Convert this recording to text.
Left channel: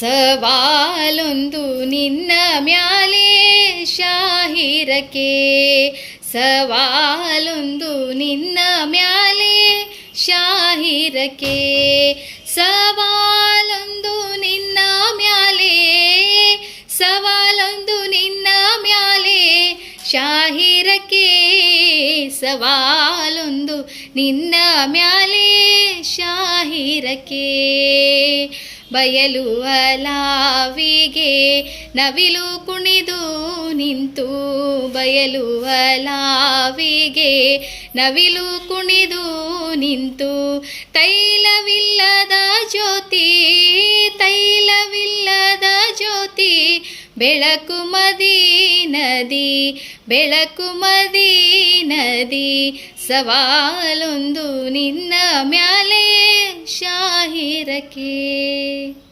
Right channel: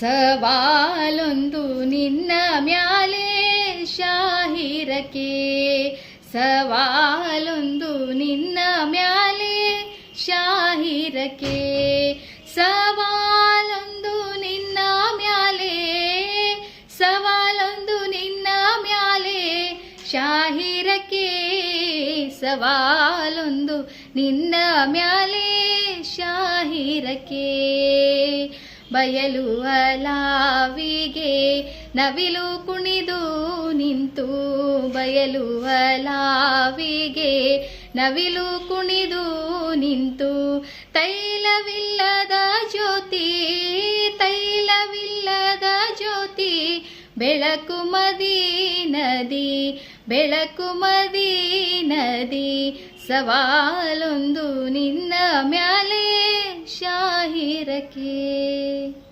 ಸವಾಲೊಂದು ನಿನ್ನ ಮ್ಯಾಲೆ ಶಾಹಿರಕೆ ಸವಾಲೊಂದು ನಿನ್ನ ಮ್ಯಾಲೆ ಶಾಹಿರಕೆ ಸವಾಲೊಂದು ನಿನ್ನ ಮ್ಯಾಲೆ, ಸವಾಲೊಂದು ನಿನ್ನ ಮ್ಯಾಲೆ ಶಾಹಿರಕೆ ಸವಾಲೊಂದು ನಿನ್ನ ಮ್ಯಾಲೆ ಶಾಹಿರಕ್ಕೆ. ಬಯಲು ಅಲಾವಿಗೆ ನವಿಲು ಕುಣಿದು ನಿಂತು ಬಯಲು ಅಲಾವಿಗೆ ನವಿಲು ಕುಣಿದು ನಿಂತು ತೈಲವಿಲ್ಲದ ಜ್ಯೋತಿ ತೈಲವಿಲ್ಲದ ಜ್ಯೋತಿ, ಬೆಳಕು ಮದಿ ನದಿ, ಬೆಳಕು ಮದಿ ನದಿ, ಸವಾಲೊಂದು ನಿನ್ನ ಮ್ಯಾಲೆ वीर के